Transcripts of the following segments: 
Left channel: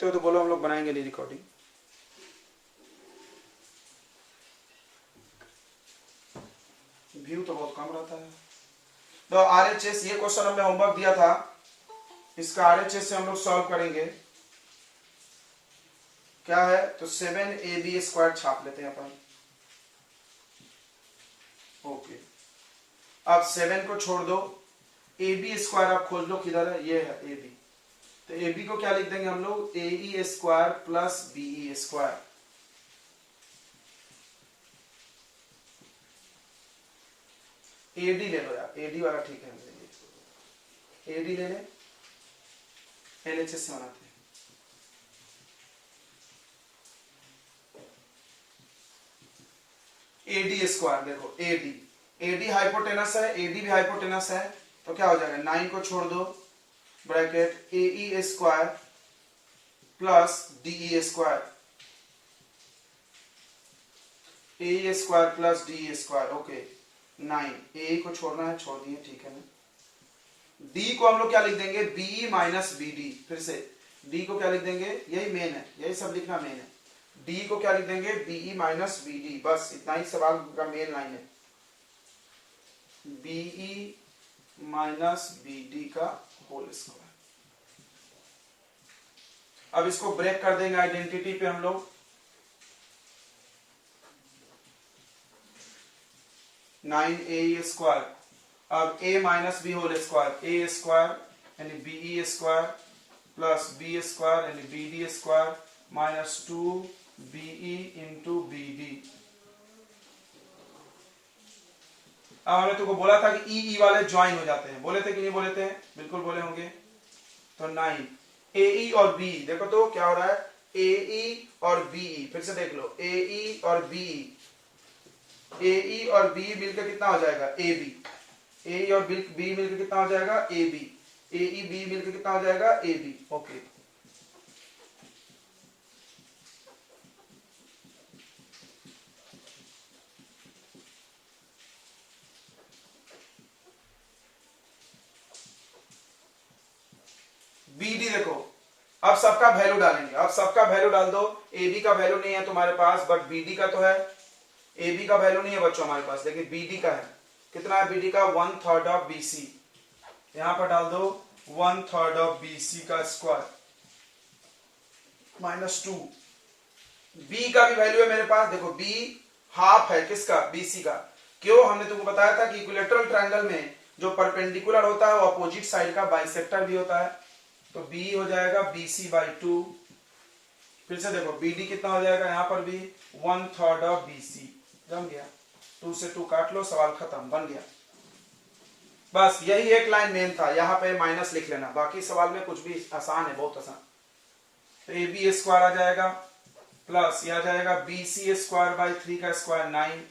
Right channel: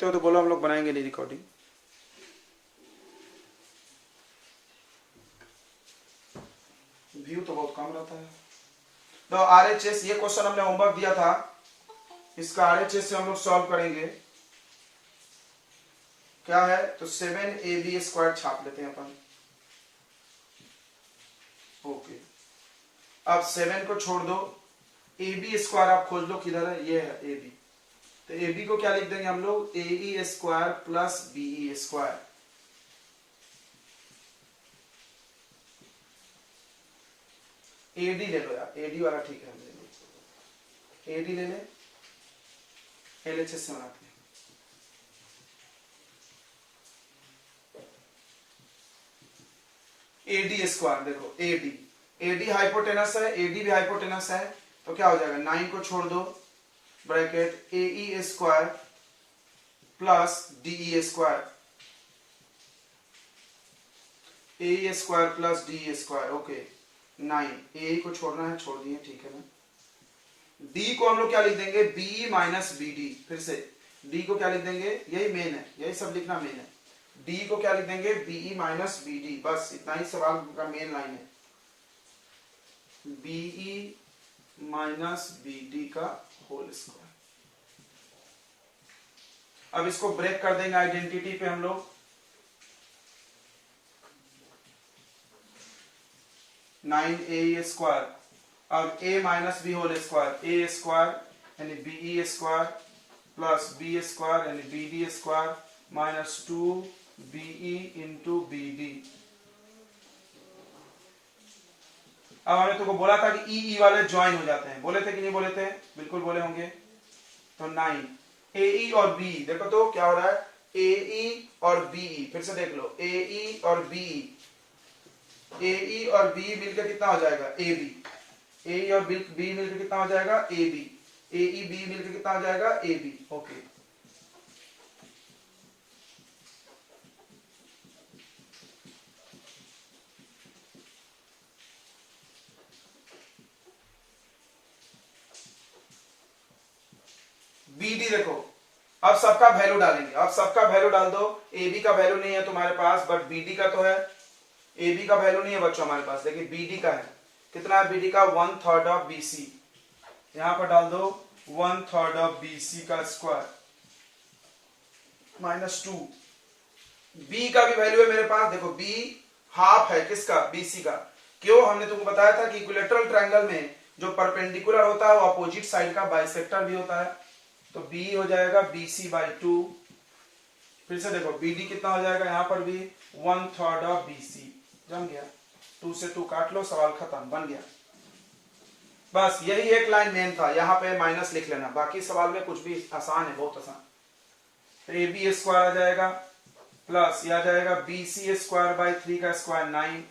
तो बोलो, हम लोग बनाएंगे नहीं रिकॉर्डिंग। व्यू तो बहुत कम रहता है। तो आरएचएस, ये क्वेश्चन हमने होमवर्क दिया था, इसका आरएचएस से हम लोग सॉल्व करेंगे। क्या है तो 7ab² छाप लेते हैं अपन। ओके, अब 7 को छोड़ दो, ab² आप खोज लो किधर है, ये है ab। तो ab को क्या लिख देंगे हम लोग, ae² प्लस be²। ad ले लो यार, ad वाला ठीक है, हम लेंगे ad ले लें, LHS से बनाते हैं। ad², देखो ad हाइपोटेनस है, ad भी हाइपोटेनस है, तो क्या हो जाएगा, 9 को छोड़ दो, bracket ae² plus de², ae² plus de²। Okay, 9 ए को छोड़ना है, छोड़ दिए, ठीक है ना। डी को हम लोग क्या लिख देंगे, बी माइनस बी डी। फिर से डी को क्या लिख देंगे, यही मेन है, यही सब लिखना मेन है। डी को क्या लिख देंगे, बीई माइनस बी डी, बस इतना ही सवाल का मेन लाइन है, बीई माइनस बी डी का होल स्क्वायर। अब इसको ब्रेक कर देंगे आइडेंटिटी पे हम लोग, 9ae², अब a minus B whole square, a² यानी be² प्लस b² यानी bd² minus 2be into bd। अब हमने तुमको बोला था कि ई वाले ज्वाइन हो जाते हैं, बोले थे कि नहीं बोले थे, बिल्कुल बोले होंगे। तो 9 ae और b, देखो तो क्या हो रहा है, ae और be, फिर से देख लो, ae और be, ae और b मिलकर कितना हो जाएगा, ab, ae और b मिलकर कितना हो जाएगा, ab, ae b मिलकर कितना हो जाएगा, ab। ओके, bd देखो, अब सबका वैल्यू डालेंगे, अब सबका वैल्यू डाल दो। ab का वैल्यू नहीं है तुम्हारे पास, बट bd का तो है। ab का वैल्यू नहीं है बच्चों हमारे पास, देखिए bd का है, कितना है bd का, 1/3 ऑफ bc, यहां पर डाल दो 1/3 ऑफ bc का स्क्वायर माइनस 2। b का भी वैल्यू है मेरे पास, देखो b हाफ है किसका, bc का। क्यों, हमने तुमको बताया था कि इक्विलेटरल ट्रायंगल में जो परपेंडिकुलर होता है वो अपोजिट साइड का बाइसेक्टर भी होता है, तो b हो जाएगा bc/2। फिर से देखो bd कितना हो जाएगा, यहां पर भी 1/3 ऑफ bc, जम गया, 2 से 2 काट लो, सवाल खत्म, बन गया। बस यही एक लाइन मेन था, यहां पे माइनस लिख लेना, बाकी सवाल में कुछ भी आसान है, बहुत आसान। तो ab² आ जाएगा प्लस यह आ जाएगा bc²/3 का square 9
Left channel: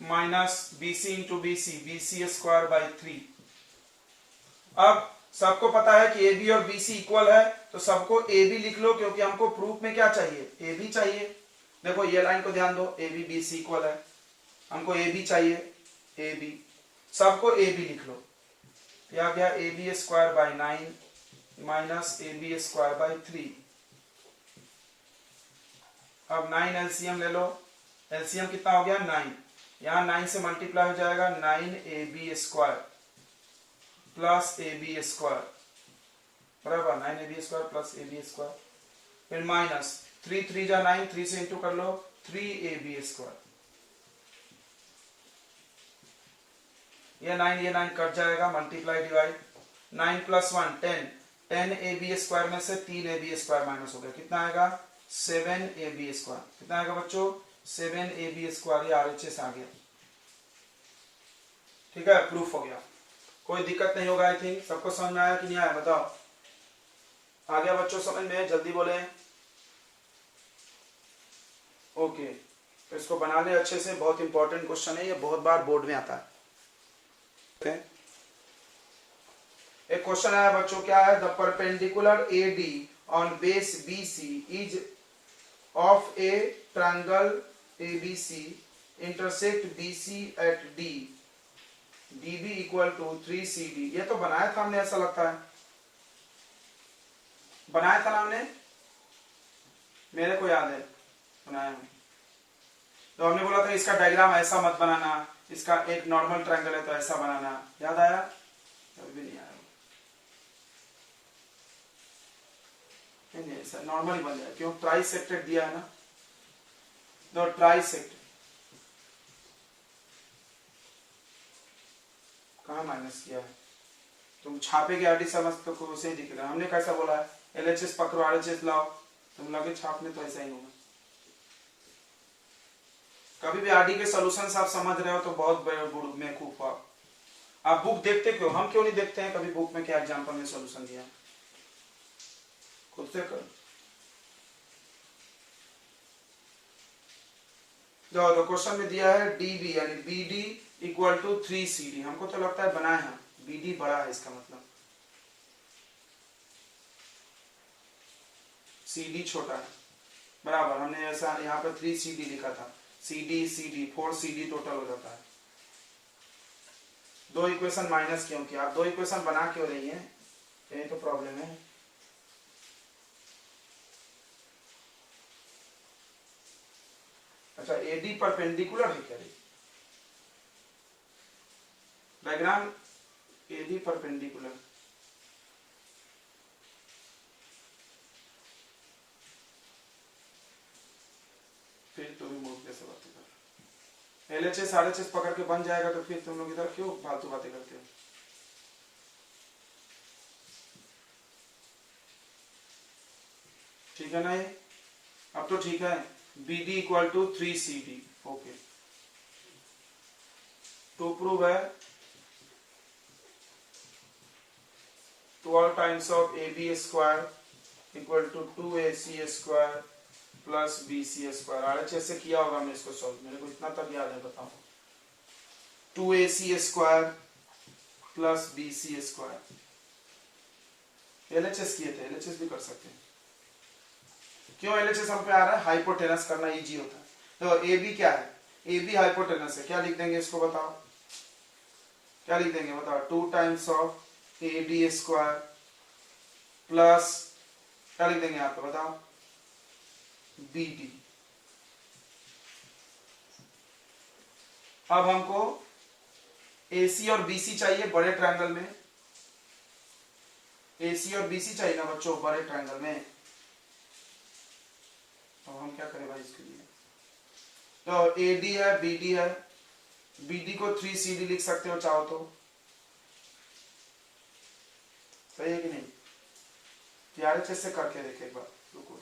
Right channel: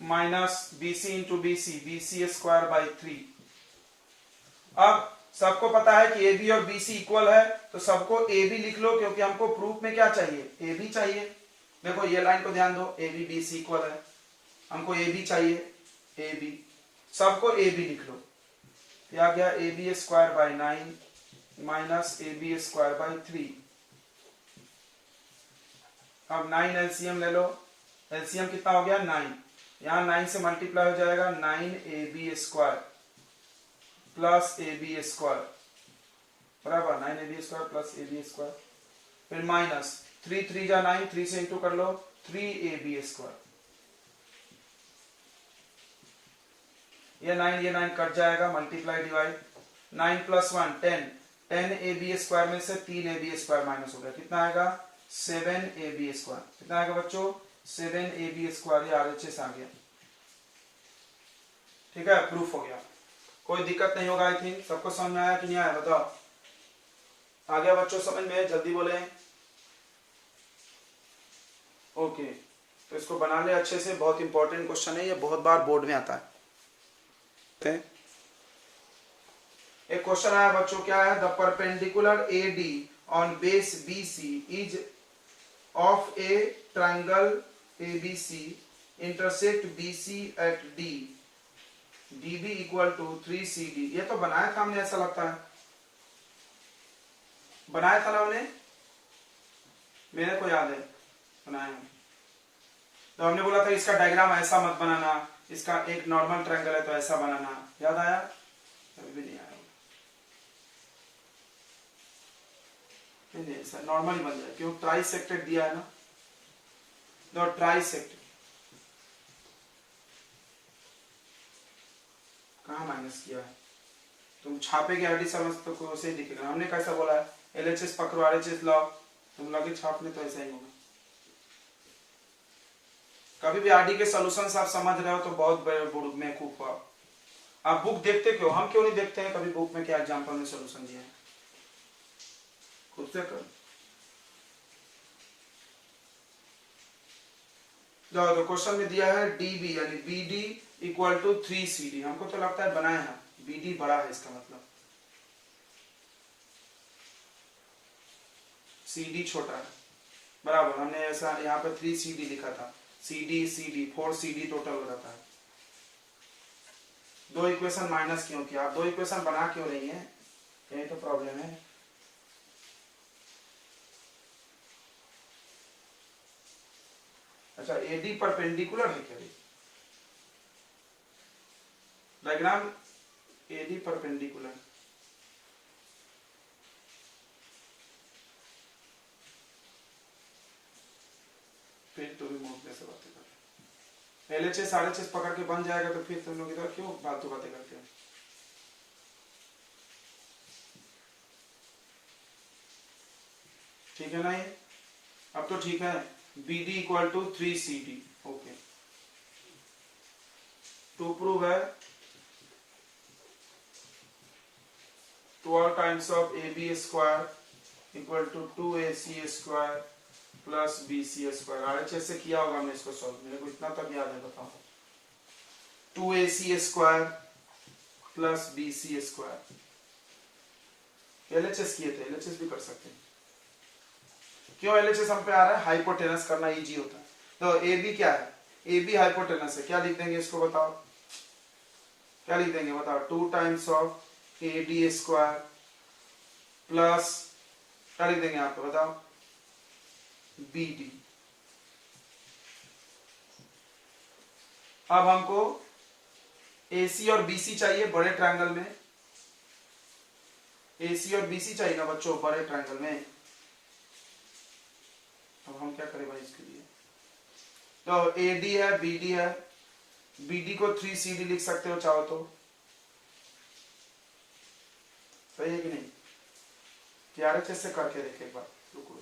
minus bc into bc, bc²/3। अब सबको पता है कि AB और BC इक्वल है, तो सबको AB लिख लो, क्योंकि हमको प्रूफ में क्या चाहिए, AB चाहिए। देखो ये लाइन को ध्यान दो, AB BC इक्वल है, हमको AB चाहिए, AB, सबको AB लिख लो। क्या गया, AB²/9 माइनस AB²/3। अब 9 एलसीएम ले लो, एलसीएम कितना हो गया, 9, यहां 9 से मल्टीप्लाई हो जाएगा, 9ab² प्लस ab² बराबर 9ab² प्लस ab², फिर माइनस 3 3 जा 9, 3 से इंटू कर लो, 3ab², ये 9 कट जाएगा, मल्टीप्लाई डिवाइड, 9 + 1 10, 10ab² में से 3ab² माइनस हो गया, कितना आएगा, 7ab²। कितना आएगा बच्चों, 7ab², ये आरएचएस आ गया। ठीक है, प्रूफ हो गया, कोई दिक्कत नहीं होगा। आई थिंक सबको समझ में आया कि नहीं आया, बताओ, आ गया बच्चों समझ में, जल्दी बोले। ओके, तो इसको बना ले अच्छे से, बहुत इंपॉर्टेंट क्वेश्चन है ये, बहुत बार बोर्ड में आता है। एक क्वेश्चन आया बच्चों, क्या है, the perpendicular AD on base BC is of a triangle ABC intersect BC at D, DB = 3CD। ये तो बनाया था हमने, ऐसा लगता है, बनाया था ना हमने, मेरे को याद है बनाया हम। तो हमने बोला था इसका डायग्राम ऐसा मत बनाना, इसका एक नॉर्मल ट्रायंगल है तो ऐसा बनाना, याद आया? अभी भी नहीं आया। नहीं ऐसा नॉर्मल ही बन जाए, क्यों? ट्राई सेक्टेड दिया है ना, तो ट्राई सेक्टेड कहाँ माइनस किया है? तुम छापे की आरडी समझ तो को से दिखेगा। हमने कैसा बोला है, एलएचएस पकड़ो आरएचएस लाओ, तुम लगे छापने तो ऐसा ही होगा। कभी भी आरडी के सॉल्यूशंस आप समझ रहे हो तो बहुत बड़े बेवकूफ हो आप बुक देखते क्यों? हम क्यों नहीं देखते हैं कभी बुक में क्या एग्जांपल में सॉल्यूशन दिया है? खुद से करो। तो क्वेश्चन में दिया है डीबी यानी बीडी इक्वल टू 3CD। हमको तो लगता है बनाए हैं, बीडी बड़ा है इसका मतलब, CD छोटा है, बराबर। हमने ऐसा यहाँ पर 3CD लिखा था, CD CD 4CD टोटल हो जाता है। दो इक्वेशन माइनस क्यों किया? आप दो इक्वेशन बना क्यों रही है? यही तो प्रॉब्लम है। अच्छा एडी परपेंडिकुलर है क्या? डायग्राम एडी परपेंडिकुलर, फिर तो भी मूड कैसे बातें कर, एलएचएस आरएचएस पकड़ के बन जाएगा तो फिर तुम लोग इधर क्यों फालतू बातें करते हो? ठीक है ना ये? अब तो ठीक है। BD equal to 3CD। Okay, to prove है 12 times of AB square equal to 2AC square plus BC square. RHS से किया होगा हमने इसको सॉल्व, मेरे को इतना तक याद है, बताओ। 2AC square plus BC square, LHS किए थे, एलएचएस भी कर सकते हैं। क्यों एलएचएस हम पे आ रहा है? हाइपोटेनस करना इजी होता है। तो AB क्या है? AB हाइपोटेनस है, क्या लिख देंगे इसको बताओ? क्या लिख देंगे बताओ? 2 times of AB square plus क्या लिख देंगे आपको बताओ? BD। अब हमको AC और BC चाहिए बड़े ट्रायंगल में, AC और BC चाहिए ना बच्चों बड़े ट्रायंगल में। तो हम क्या करें भाई इसके लिए? तो AD है, BD है, BD को 3CD लिख सकते हो चाहो तो, सही है कि नहीं? आरएचएस से करके देखे एक बार, रुको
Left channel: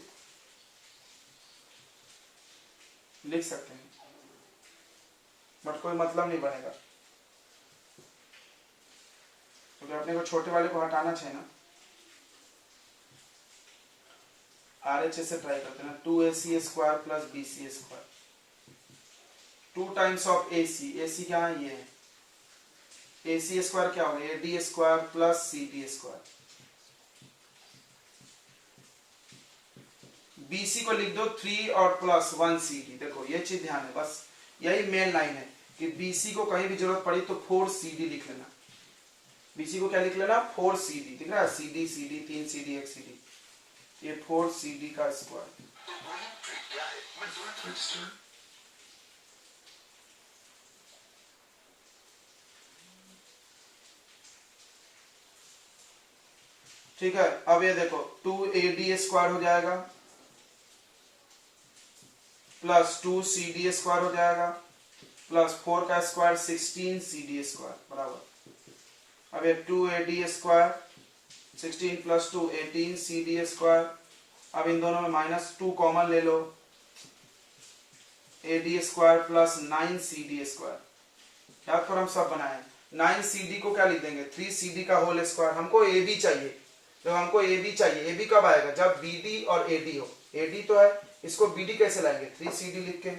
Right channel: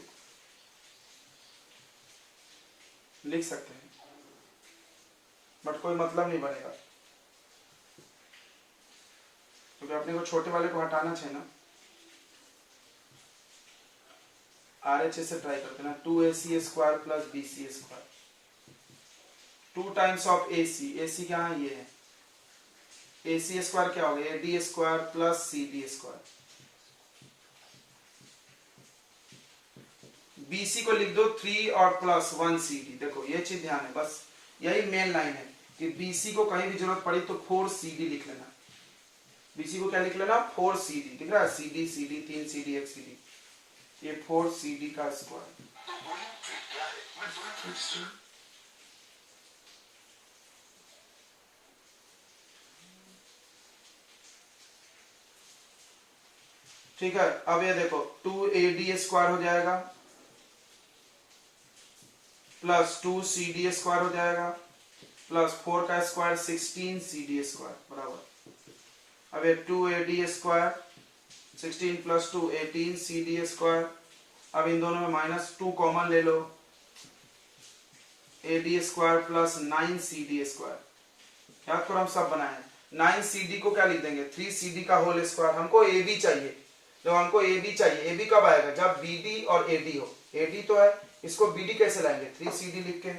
लिख सकते हैं, बट कोई मतलब नहीं बनेगा, क्योंकि अपने को छोटे वाले को हटाना चाहिए ना। आरएचएस से ट्राई करते हैं ना, 2AC square plus BC square, 2 times of AC, AC क्या है? ये है AC स्क्वायर, क्या हो गया? AD square plus CD square. BC को लिख दो 3 और प्लस 1 CD। देखो ये चीज ध्यान है, बस यही मेन लाइन है कि BC को कहीं भी जरूरत पड़ी तो 4CD लिख लेना। BC को क्या लिख लेना? 4CD, दिख रहा है? CD CD 3 CD 1 CD, ये 4CD का स्क्वायर। ठीक है, अब ये देखो 2AD स्क्वायर हो जाएगा प्लस 2CD स्क्वायर हो जाएगा प्लस 4 का स्क्वायर 16CD स्क्वायर बराबर। अब ये 2AD square 16 plus 2 18CD square. अब इन दोनों में -2 कॉमन ले लो, AD square plus 9CD square. याद करो हम सब बनाए, 9CD को क्या लिख देंगे? 3CD का होल स्क्वायर। हमको AB चाहिए, तो हमको AB चाहिए। AB कब आएगा? जब BD और AD हो। AD तो है, इसको BD कैसे लाएंगे? 3CD लिख के,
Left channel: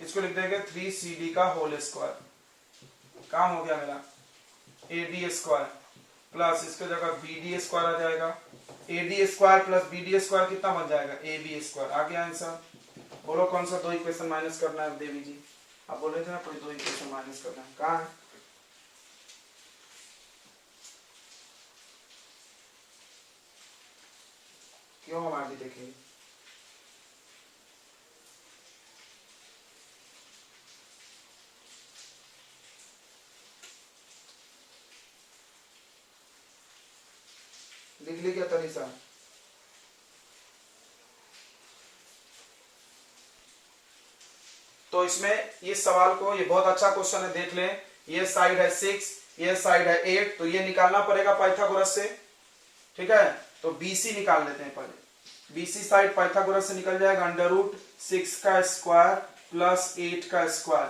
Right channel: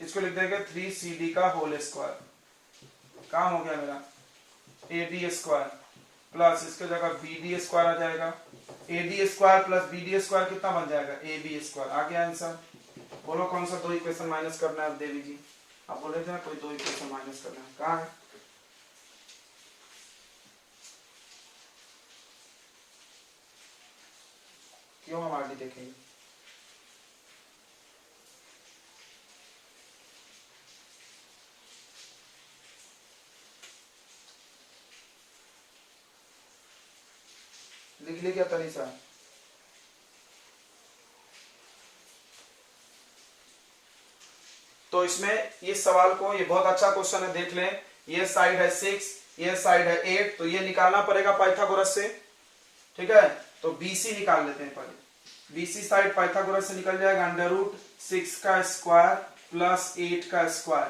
इसको लिख देंगे 3CD का होल स्क्वायर। काम हो गया मेरा। AD स्क्वायर प्लस इसके जगह BD स्क्वायर आ जाएगा। AD square plus BD square कितना बन जाएगा? AB square. आ गया आंसर। बोलो कौन सा दो इक्वेशन माइनस करना है देवी जी? आप बोल रहे थे ना कोई दो इक्वेशन माइनस करना है, कहाँ है? क्यों हम आगे देखेंगे। लिख ली क्या तनीषा? तो इसमें ये सवाल को, ये बहुत अच्छा क्वेश्चन है, देख लें। ये साइड है 6, ये साइड है 8, तो ये निकालना पड़ेगा पाइथागोरस से, ठीक है। तो बीसी निकाल लेते हैं पहले। बीसी साइड पाइथागोरस से निकल जाएगा √6 का स्क्वायर प्लस 8 का स्क्वायर।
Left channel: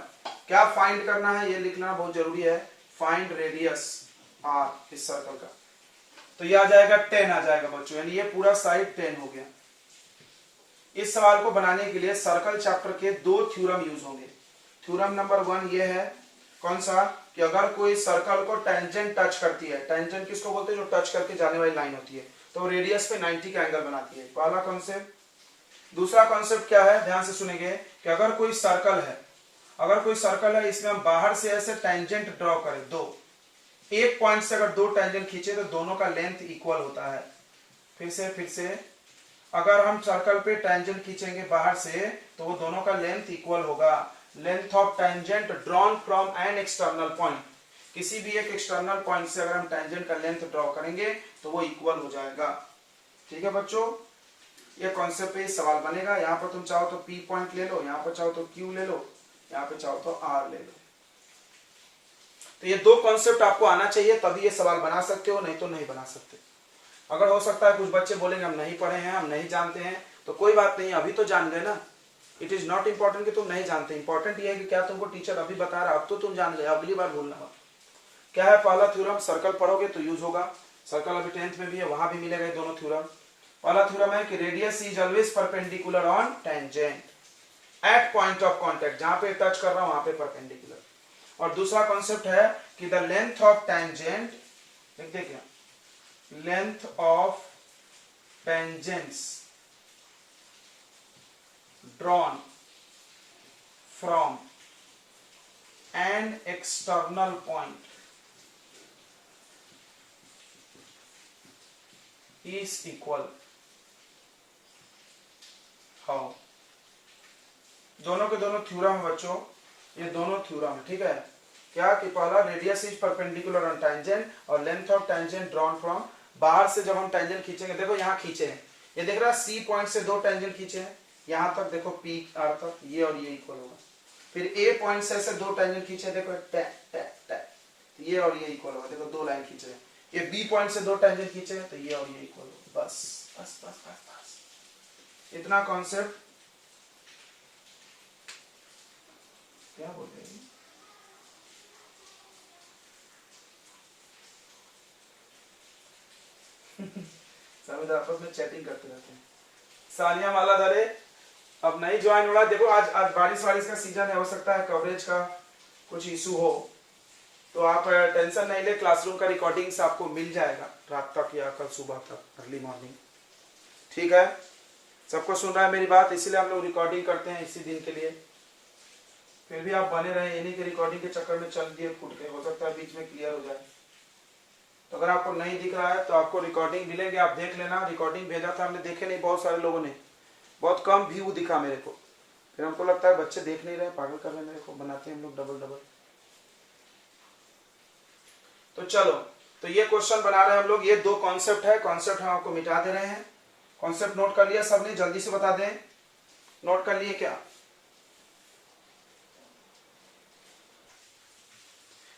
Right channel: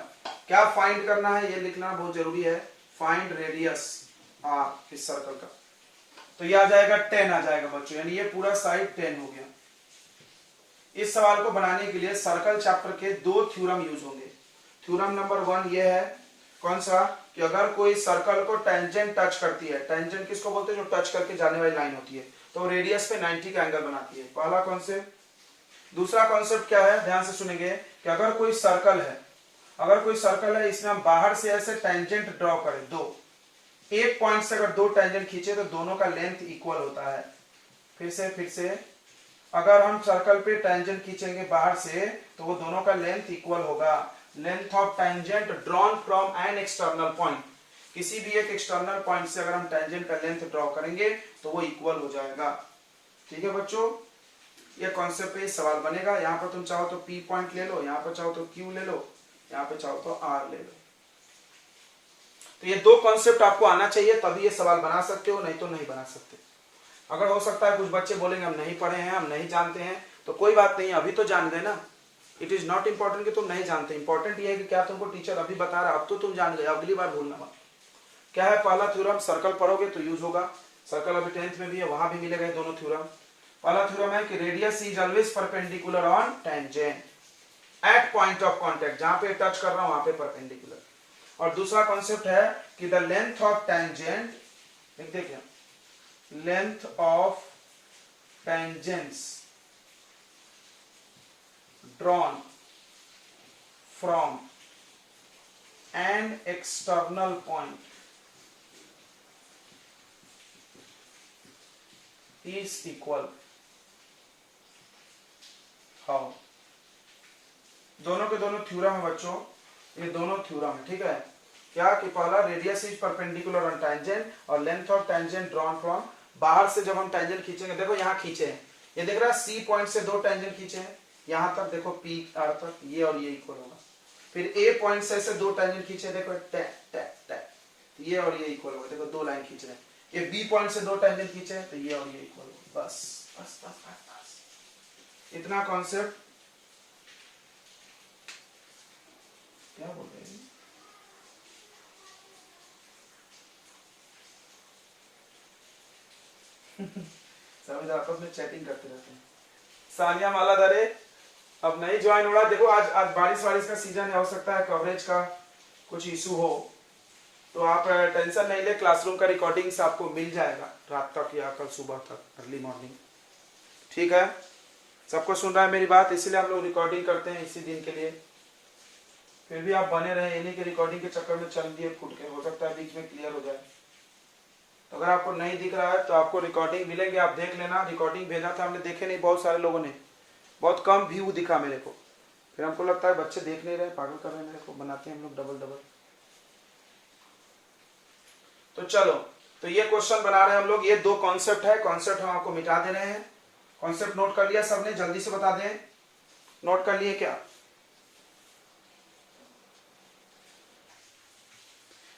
क्या फाइंड करना है ये लिखना बहुत जरूरी है। फाइंड रेडियस आर इस सर्कल का। तो ये आ जाएगा 10 आ जाएगा बच्चों, यानी ये पूरा साइड 10 हो गया। इस सवाल को बनाने के लिए सर्कल चैप्टर के 2 थ्योरम यूज होंगे। थ्योरम नंबर 1 ये है, कौन सा, कि अगर कोई सर्कल को टेंजेंट टच करती है, टेंजेंट किसको बोलते हैं, जो टच करके जाने वाली लाइन होती है, तो रेडियस पे 90 का एंगल बनाती है, पहला कॉन्सेप्ट। दूसरा कॉन्सेप्ट क्या है, ध्यान से सुनेंगे, कि अगर कोई सर्कल है, इसमें हम बाहर से ऐसे टेंजेंट ड्रॉ करें, दो, एक पॉइंट से अगर 2 टेंजेंट खींचे तो दोनों का लेंथ इक्वल होता है। फिर से अगर हम सर्कल पे टेंजेंट खींचेंगे बाहर से तो वो दोनों का लेंथ इक्वल होगा। Length of tangent drawn from an external point, किसी भी एक एक्सटर्नल पॉइंट से अगर हम टेंजेंट का लेंथ ड्रॉ करेंगे तो वो इक्वल हो जाएगा। ठीक है बच्चों, ये कॉन्सेप्ट पे सवाल बनेगा। यहाँ पर तुम चाहो तो P पॉइंट ले लो, यहाँ पर चाहो तो Q ले लो, यहाँ पे चाहो तो R ले लो। तो ये 2 कॉन्सेप्ट आपको आना चाहिए, तभी ये सवाल बना सकते हो, नहीं तो नहीं बना सकते। अगर हो सकता है कुछ बच्चे बोलेंगे हम नहीं पढ़े हैं, हम नहीं जानते हैं, तो कोई बात नहीं, अभी तो जान गए ना। इट इज नॉट इंपॉर्टेंट कि तुम नहीं जानते, इंपॉर्टेंट ये है कि क्या तुमको टीचर अभी बता रहा है, अब तो तुम जान गए, अगली बार भूलना मत। क्या है पहला थ्योरम, सर्कल पढ़ोगे तो यूज होगा, सर्कल अभी 10th में भी है, वहां भी मिलेगा ये दोनों थ्योरम। पहला थ्योरम है कि radius is always perpendicular on tangent at point of contact, जहां पे टच कर रहा हूं वहां पे परपेंडिकुलर। और दूसरा कॉन्सेप्ट है कि द लेंथ ऑफ टेंजेंट, लिख दे क्या, length of tangents drawn from an external point is equal। how? दोनों के दोनों थ्योरम है बच्चों, ये दोनों थ्योरम है, ठीक है। क्या कि पहला radius is perpendicular on tangent और length of tangent drawn from, बाहर से जब हम टेंजेंट खींचेंगे, देखो यहां खींचे हैं, ये देख रहा है सी पॉइंट से 2 टेंजेंट खींचे हैं, यहां तक देखो P R तक, ये और ये इक्वल होगा। फिर A पॉइंट से ऐसे 2 टेंजेंट खींचे, देखो टैक टैक टैक, ये और ये इक्वल होगा, देखो 2 लाइन खींचे हैं। ये B पॉइंट से 2 टेंजेंट खींचे तो ये और ये इक्वल होगा। बस बस बस बस बस, इतना कॉन्सेप्ट। क्या बोल रहे हैं, सब इधर आपस में चैटिंग करते रहते हैं। सानिया मालाधारे अब नहीं ज्वाइन हो रहा, देखो आज बारिश का सीजन है, हो सकता है कवरेज का कुछ इशू हो, तो आप टेंशन नहीं ले, क्लासरूम का रिकॉर्डिंग्स आपको मिल जाएगा रात तक या कल सुबह तक, अर्ली मॉर्निंग। ठीक है, सबको सुन रहा है मेरी बात, इसीलिए हम लोग रिकॉर्डिंग करते हैं इसी दिन के लिए। फिर भी आप बने रहे, इन्हीं के रिकॉर्डिंग के चक्कर में चल दिए फूट के, हो सकता है बीच में क्लियर हो जाए। तो अगर आपको नहीं दिख रहा है तो आपको रिकॉर्डिंग मिलेंगे, आप देख लेना। रिकॉर्डिंग भेजा था हमने, देखे नहीं बहुत सारे लोगों ने, बहुत कम व्यू दिखा मेरे को, फिर हमको लगता है बच्चे देख नहीं रहे, पागल कर रहे हैं मेरे को, बनाते हैं हम लोग डबल। तो चलो, तो ये क्वेश्चन बना रहे हैं हम लोग, ये 2 कॉन्सेप्ट है, कॉन्सेप्ट हम आपको मिटा दे रहे हैं। कॉन्सेप्ट नोट कर लिया सबने, जल्दी से बता दें, नोट कर लिए क्या?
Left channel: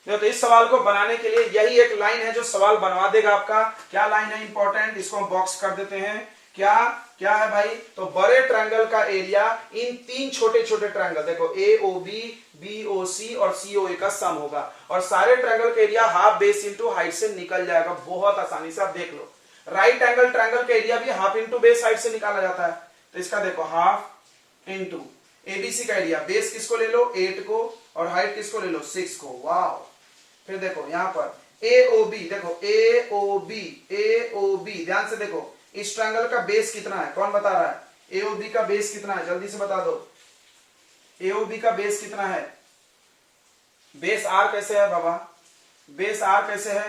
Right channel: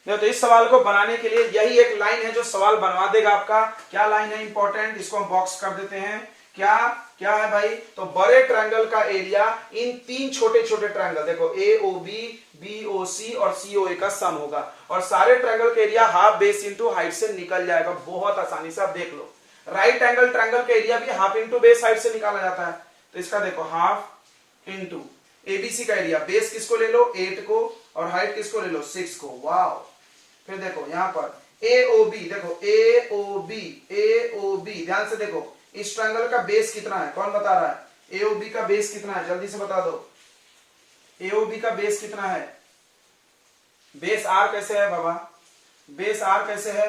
तो इस सवाल को बनाने के लिए यही एक लाइन है जो सवाल बनवा देगा आपका। क्या लाइन है इंपॉर्टेंट, इसको हम बॉक्स कर देते हैं। क्या क्या है भाई, तो बड़े ट्रायंगल का एरिया इन 3 छोटे छोटे ट्रायंगल, देखो AOB, BOC और COA का सम होगा, और सारे ट्रायंगल का area half base into height से निकल जाएगा, बहुत आसानी से। आप देख लो, राइट एंगल ट्रायंगल का एरिया भी हाफ इंटू बेस हाइट से निकाला जाता है, तो इसका देखो हाफ इंटू ABC का एरिया, बेस किसको ले लो 8 को, और हाइट किसको ले लो 6 को। वाह, फिर देखो यहां पर AOB, देखो AOB ध्यान से देखो, इस ट्रायंगल का बेस कितना है, कौन बता रहा है? AOB का बेस कितना है, जल्दी से बता दो। AOB का बेस कितना है? बेस R कैसे है बाबा, बेस R कैसे है?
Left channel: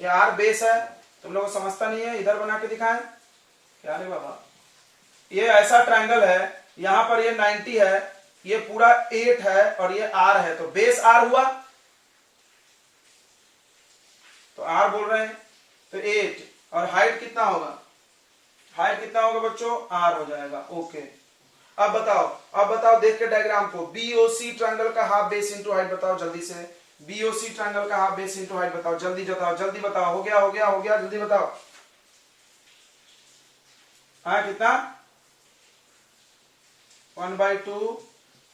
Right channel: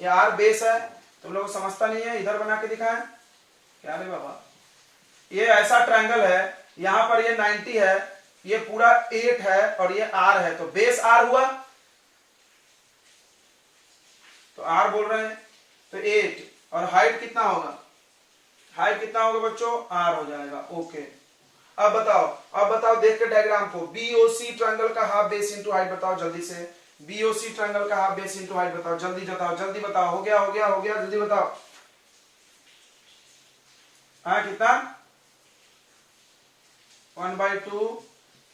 ये R बेस है, तुम लोग समझता नहीं है, इधर बना के दिखाएं क्या रे बाबा, ये ऐसा ट्रायंगल है, यहां पर ये 90 है, ये पूरा 8 है और ये r है, तो बेस r हुआ, तो r बोल रहे हैं, तो 8 और हाइट कितना होगा, हाइट कितना होगा बच्चों, r हो जाएगा। ओके, अब बताओ देख के डायग्राम को, बीओसी ट्रायंगल का हाफ बेस इंटू हाइट बताओ जल्दी से, बीओसी ट्रायंगल का हाफ बेस इंटू हाइट बताओ, जल्दी बताओ, हो गया, जल्दी बताओ। हाँ कितना, 1/2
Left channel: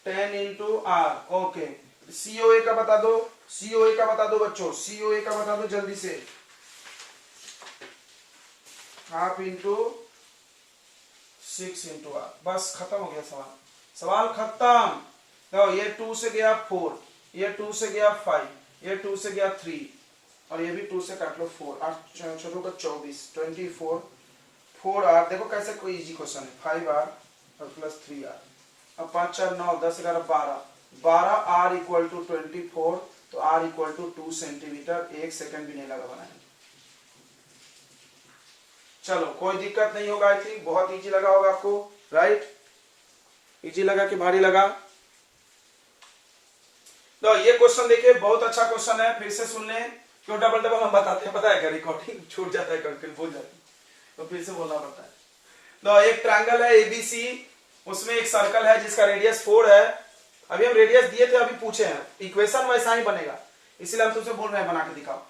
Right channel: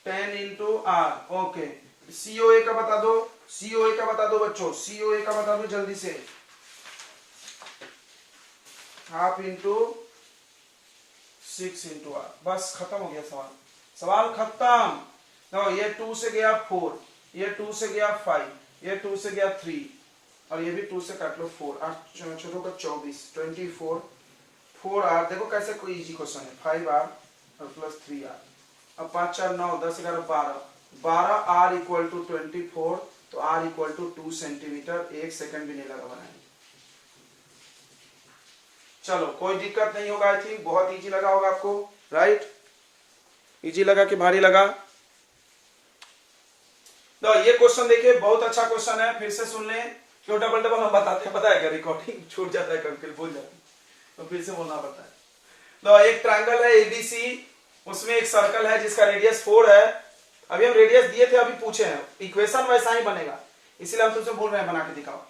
10 इंटू आर। ओके, सीओए का बता दो, बच्चों, सीओए का बता दो जल्दी से, हाफ इंटू 6 इंटू आर। बस खत्म हो गया सवाल खत्म। तो ये 2 से गया 4, ये 2 से गया 5, ये 2 से गया 3 और ये भी 2 से काट लो 4, 8 चौदह का 24, 24 4r। देखो कैसे कोई इजी क्वेश्चन है, 5r और प्लस 3r। अब 5 4 9 10 11 12 r इक्वल टू 24, तो r equal to 2 centimetre. 1 second भी नहीं लगा बनाने। चलो कोई दिक्कत नहीं होगा, आई थिंक बहुत इजी लगा होगा आपको, राइट? इजी लगा कि भारी लगा? तो ये क्वेश्चन देखिए, बहुत अच्छा क्वेश्चन है, फिर से सुन लें। क्यों डबल हम बताते हैं पता है क्या, रिकॉर्डिंग छूट जाता है, कभी भूल जाते हैं, तो फिर से बोलना पड़ता है। तो एक ट्रायंगल है एबीसी, उसमें एक सर्कल है जिसका रेडियस 4 है। अभी हम रेडियस दिए थे, अभी पूछे हैं, इक्वेशन वैसा ही बनेगा, इसलिए हम तुमसे बोल रहे हैं बना के दिखाओ।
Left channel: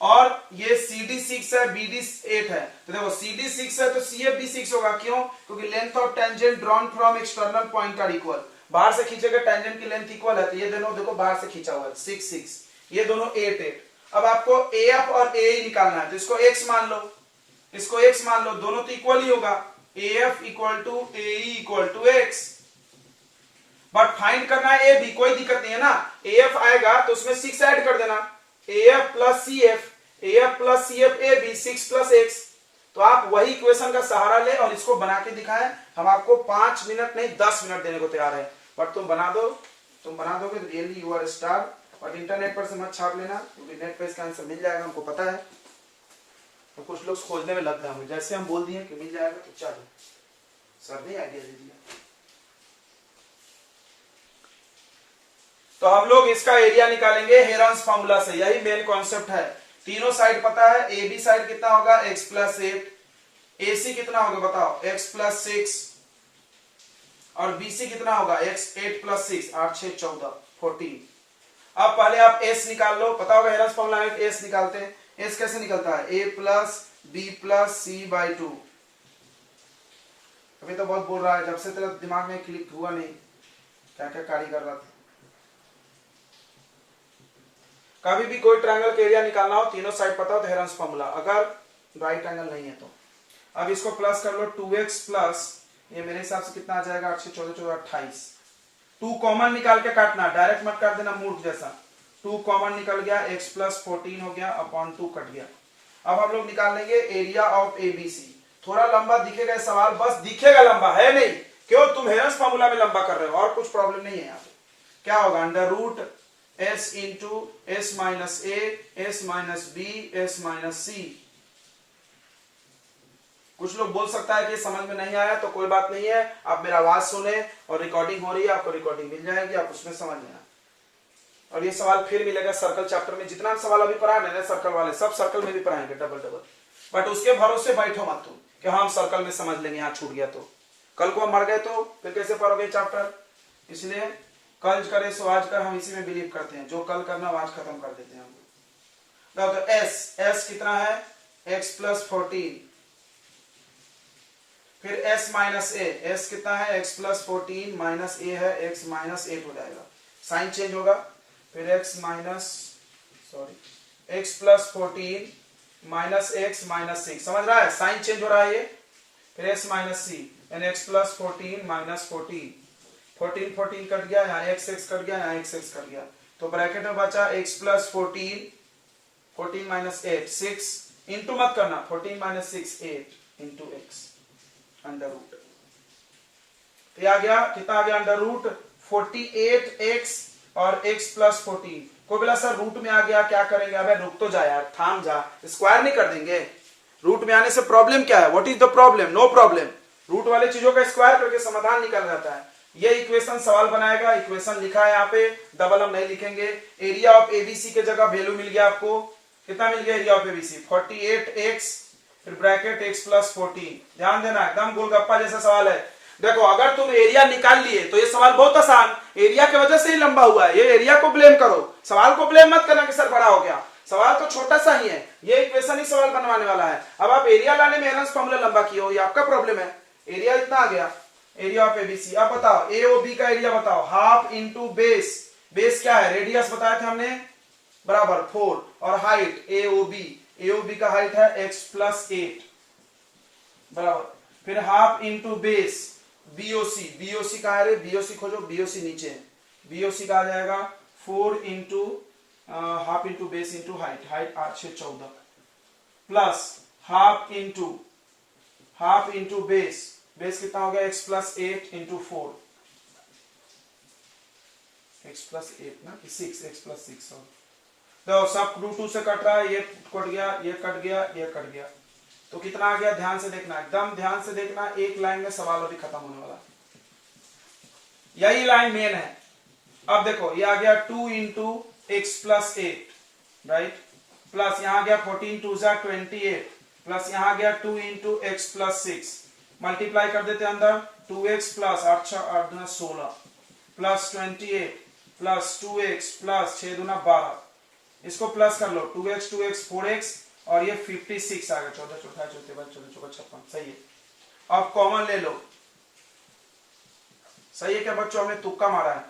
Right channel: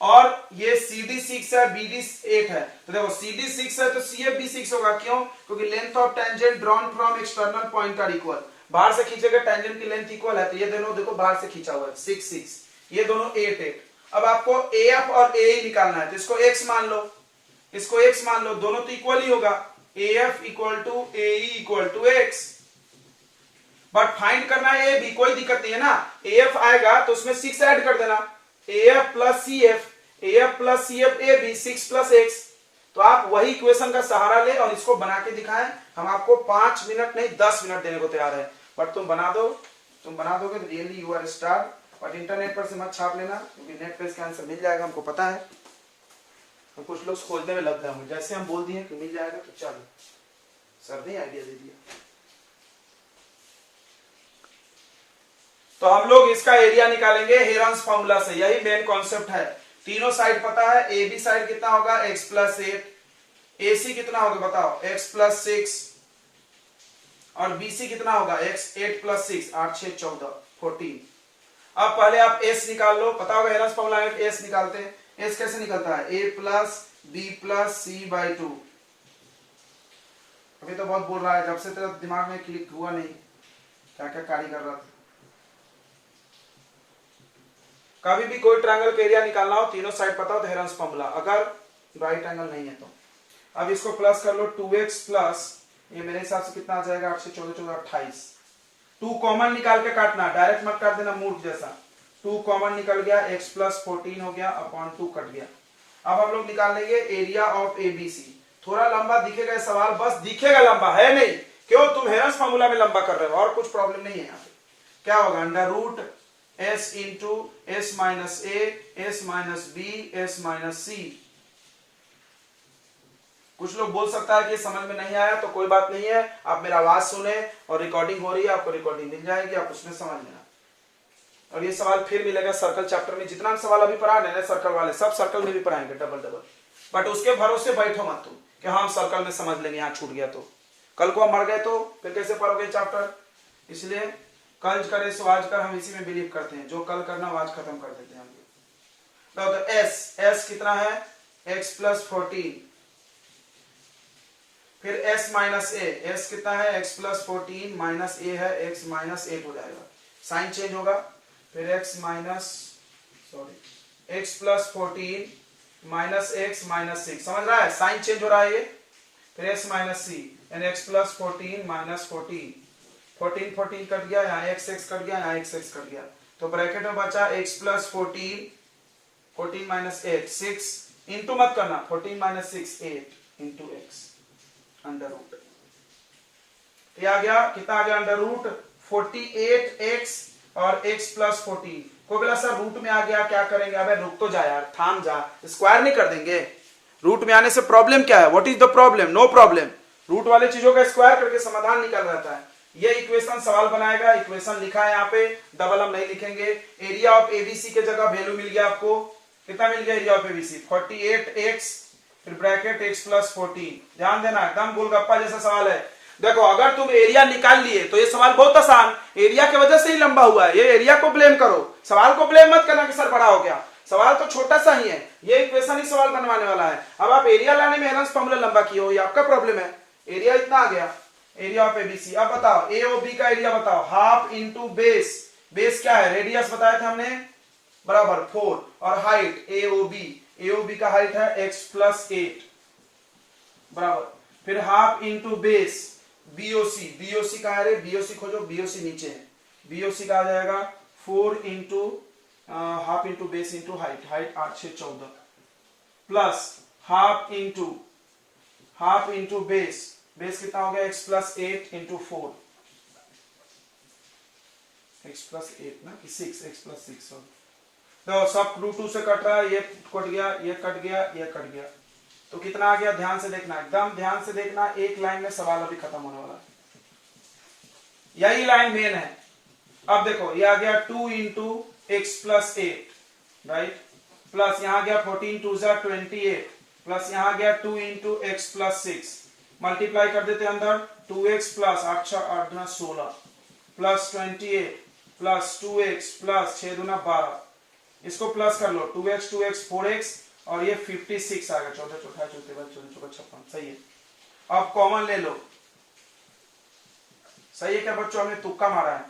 और ये CD 6 है, BD 8 है, तो देखो CD 6 है तो CF भी 6 होगा। क्यों? क्योंकि length of tangent drawn from external point are equal, बाहर से खींचे गए टेंजेंट की लेंथ इक्वल है, तो ये दोनों देखो बाहर से खींचा हुआ है, 6 6, ये दोनों 8 8। अब आपको AF और AE निकालना है, तो इसको x मान लो, इसको x मान लो, दोनों तो इक्वल ही होगा, AF equal to AE equal to x। But find करना है AB, कोई दिक्कत नहीं है ना, AF आएगा तो उसमें 6 ऐड कर देना, AF plus CF, AF plus CF AB, 6 plus x। तो आप वही इक्वेशन का सहारा ले और इसको बना के दिखाएं। हम आपको 5 मिनट नहीं 10 मिनट देने को तैयार है, बट तुम बना दोगे तो रियली यू आर स्टार। और इंटरनेट पर से मत छाप लेना, क्योंकि नेट पे इसका आंसर मिल जाएगा, हमको पता है। तो कुछ लोग खोजने में लग गए होंगे, जैसे हम बोल दिए कि मिल जाएगा तो चलो, सर ने आइडिया दे दिया। तो हम लोग इसका एरिया निकालेंगे हेरन्स फॉर्मूला से, यही मेन कॉन्सेप्ट है। तीनों साइड पता है, ए बी साइड कितना होगा, x प्लस 8, AC कितना होगा बताओ, x प्लस 6, और BC कितना होगा, x 8 प्लस 6, 8 6 14 14। अब पहले आप S निकाल लो, पता होगा हेरन्स फॉर्मूला में S निकालते हैं। S कैसे निकलता है, A plus B plus C by 2। अभी तो बहुत बोल रहा है, जब से तेरा दिमाग में क्लिक हुआ नहीं, क्या क्या कार्य कर रहा था। कभी भी कोई ट्रायंगल का एरिया निकालना हो, तीनों साइड पता हो तो हेरन्स फॉर्मूला, अगर राइट एंगल नहीं है तो। अब इसको प्लस कर लो, 2x प्लस, ये मेरे हिसाब से कितना आ जाएगा, 8 6 14 14 28। 2 कॉमन निकाल के काटना, डायरेक्ट मत काट देना मूर्ख जैसा। 2 कॉमन निकल गया, x प्लस 14 हो गया, अपॉन 2 कट गया। अब हम लोग निकाल लेंगे एरिया ऑफ ABC। थोड़ा लंबा दिखेगा सवाल, बस दिखेगा लंबा, है नहीं, क्यों? तुम हेरन्स फॉर्मूला में लंबा कर रहे हो, और कुछ प्रॉब्लम नहीं है यहाँ पे। क्या होगा, under root S into S minus A, S minus B, S minus C। कुछ लोग बोल सकता है कि समझ में नहीं आया, तो कोई बात नहीं है, आप मेरा आवाज सुने और रिकॉर्डिंग हो रही है, आपको रिकॉर्डिंग मिल जाएगी, आप उसमें समझ लेना। और ये सवाल फिर मिलेगा सर्कल चैप्टर में, जितना सवाल अभी पढ़ा है सर्कल वाले, सब सर्कल में भी पढ़ाएंगे डबल। बट उसके भरोसे बैठो मत तुम कि हाँ हम सर्कल में समझ लेंगे, यहाँ छूट गया तो कल को हम मर गए तो फिर कैसे पढ़ोगे चैप्टर। इसलिए कल करे सो आज कर, हम इसी में बिलीव करते हैं, जो कल करना आज खत्म कर देते हैं हम। तो S कितना है, x प्लस 14, फिर S माइनस A, S कितना है, x प्लस 14 माइनस A है, x माइनस 8 हो जाएगा, साइन चेंज होगा। फिर x plus 14 minus x minus 6, समझ रहा है, साइन चेंज हो रहा है ये। फिर x माइनस C, यानी x प्लस 14 माइनस 14, 14 14 कट गया, यहाँ x कट गया, यहाँ x कट गया, तो ब्रैकेट में बचा x प्लस 14 माइनस 8, 6 इंटू मत करना, 14 minus 6 8 into x under root. तो आ गया कितना, आ गया अंडर रूट 48x और x प्लस 14। कोई बोला सर रूट में आ गया क्या करेंगे, अबे रुक तो जा यार, थाम जा, स्क्वायर नहीं कर देंगे। रूट में आने से प्रॉब्लम क्या है, what is the problem, no problem. Root वाली चीजों का स्क्वायर करके समाधान निकल रहता है। ये इक्वेशन सवाल बनाएगा, इक्वेशन लिखा है यहाँ पे, डबल हम नहीं लिखेंगे। एरिया ऑफ एबीसी के जगह वैल्यू मिल गया आपको, कितना मिल गया एरिया ऑफ एबीसी 48x फिर ब्रैकेट x प्लस 14। ध्यान देना, एकदम गोलगप्पा जैसा सवाल है। देखो अगर तुम एरिया निकाल लिए तो ये सवाल बहुत आसान, एरिया की वजह से ही लंबा हुआ है, ये एरिया को ब्लेम करो, सवाल को ब्लेम मत करना कि सर बड़ा हो गया, सवाल तो छोटा सा ही है, ये इक्वेशन ही सवाल बनवाने वाला है। अब आप एरिया लाने में हेरेंस फॉर्मूला लंबा किए हो, ये आपका प्रॉब्लम है। एरिया इतना आ गया, एरिया ऑफ एबीसी। अब बताओ ए ओ बी का एरिया बताओ, हाफ इंटू बेस, बेस क्या है रेडियस बताया था हमने बराबर 4, और हाइट ए ओ बी का हाइट है x प्लस 8 बराबर, फिर half into base BOC, BOC कहा है रे, बीओसी खोजो, बीओसी नीचे है, बीओसी का आ जाएगा 4 into half into base into height, height 8 6 14 plus half into base, base कितना हो गया x plus 8 into 4, x plus 8 ना 6, x प्लस 6। तो सब रूट 2 से कट रहा है, ये कट गया, ये कट गया, ये कट गया, तो कितना आ गया ध्यान से देखना, एकदम ध्यान से देखना, एक लाइन में सवाल अभी खत्म होने वाला है, यही लाइन मेन है। अब देखो ये आ गया 2 into x plus 8 right, plus यहां गया 14 2 जा 28 प्लस यहां गया 2 इंटू एक्स प्लस 6, मल्टीप्लाई कर देते अंदर 2x plus 8 6 8 2 16 plus 28 plus 2x plus 6 2 12, इसको प्लस कर लो 2x 4x और ये 56 आ गया, 14 चौथा 14 14 56, सही है। अब कॉमन ले लो, सही है क्या बच्चों, हमने तुक्का मारा है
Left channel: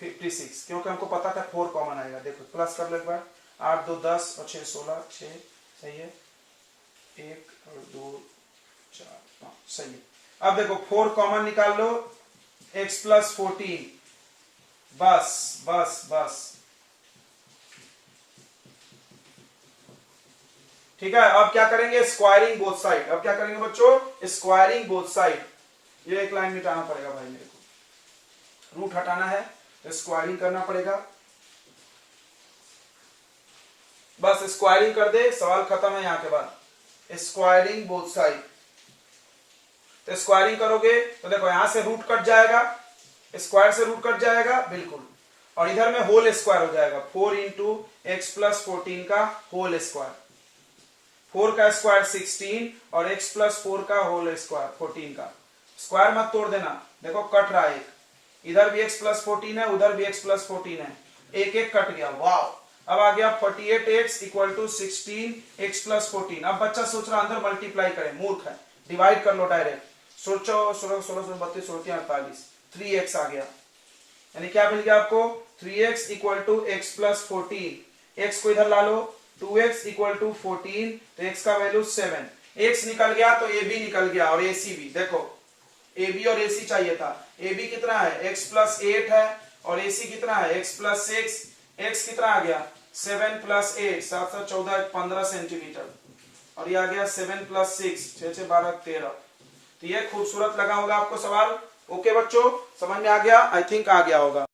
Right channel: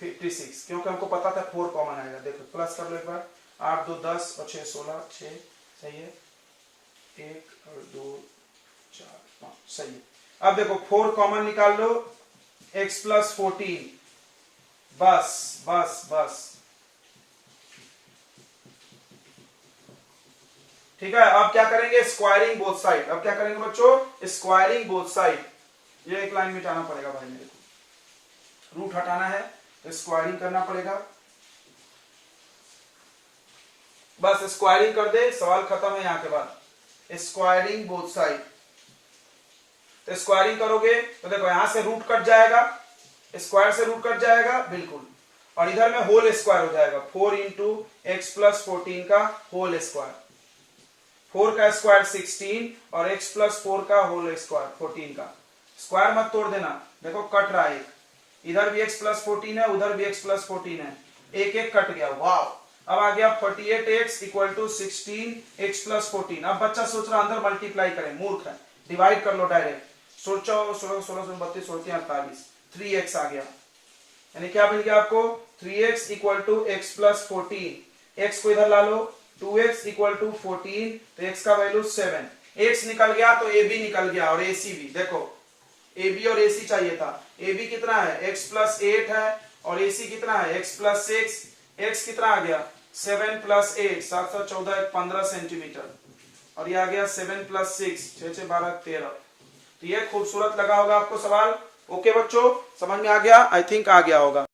56 क्योंकि हमको पता था 4 कॉमन आएगा। देखो प्लस कर लो एक बार, 8 2 10 और 6 16 6, सही है, 1 और 2 4 5, सही है। अब देखो 4 कॉमन निकाल लो, x प्लस 14, बस बस बस, ठीक है। अब क्या करेंगे, स्क्वायरिंग बोथ साइड, अब क्या करेंगे बच्चों, स्क्वायरिंग बोथ साइड, ये एक लाइन मिटाना पड़ेगा भाई मेरे को, रूट हटाना है तो स्क्वायरिंग करना पड़ेगा, बस स्क्वायरिंग कर दे, सवाल खत्म है। यहां के बाद स्क्वायरिंग बोथ साइड, तो स्क्वायरिंग करोगे तो देखो यहां से रूट कट जाएगा, स्क्वायर से रूट कट जाएगा बिल्कुल, और इधर में होल स्क्वायर हो जाएगा, 4 इंटू एक्स प्लस 14 का होल स्क्वायर, 4 का स्क्वायर 16 और x प्लस 4 का होल स्क्वायर 14 का, स्क्वायर मत तोड़ देना, देखो कट रहा है, इधर भी x प्लस 14 है, उधर भी x प्लस 14 है, एक एक कट गया, वाह। अब आ गया 48x equal to 16x plus 14। अब बच्चा सोच रहा अंदर मल्टीप्लाई करें, मूर्ख है, डिवाइड कर लो डायरेक्ट, सोचो 16 16 32 48, 3x आ गया, यानी क्या मिल गया आपको 3x equal to x plus 14, x को इधर ला लो, 2x इक्वल टू 14, तो x का वैल्यू 7, x निकल गया तो a b निकल गया और ac भी, देखो a b और ac चाहिए था, a b कितना है x प्लस 8 है और ac कितना है x प्लस 6, x कितना आ गया 7 प्लस 8 7 7 14 15 सेंटीमीटर, और ये आ गया 7 प्लस 6 6 6 12 13। तो ये खूबसूरत लगा होगा आपको सवाल, ओके बच्चों, समझ में आ गया, आई थिंक आ गया होगा।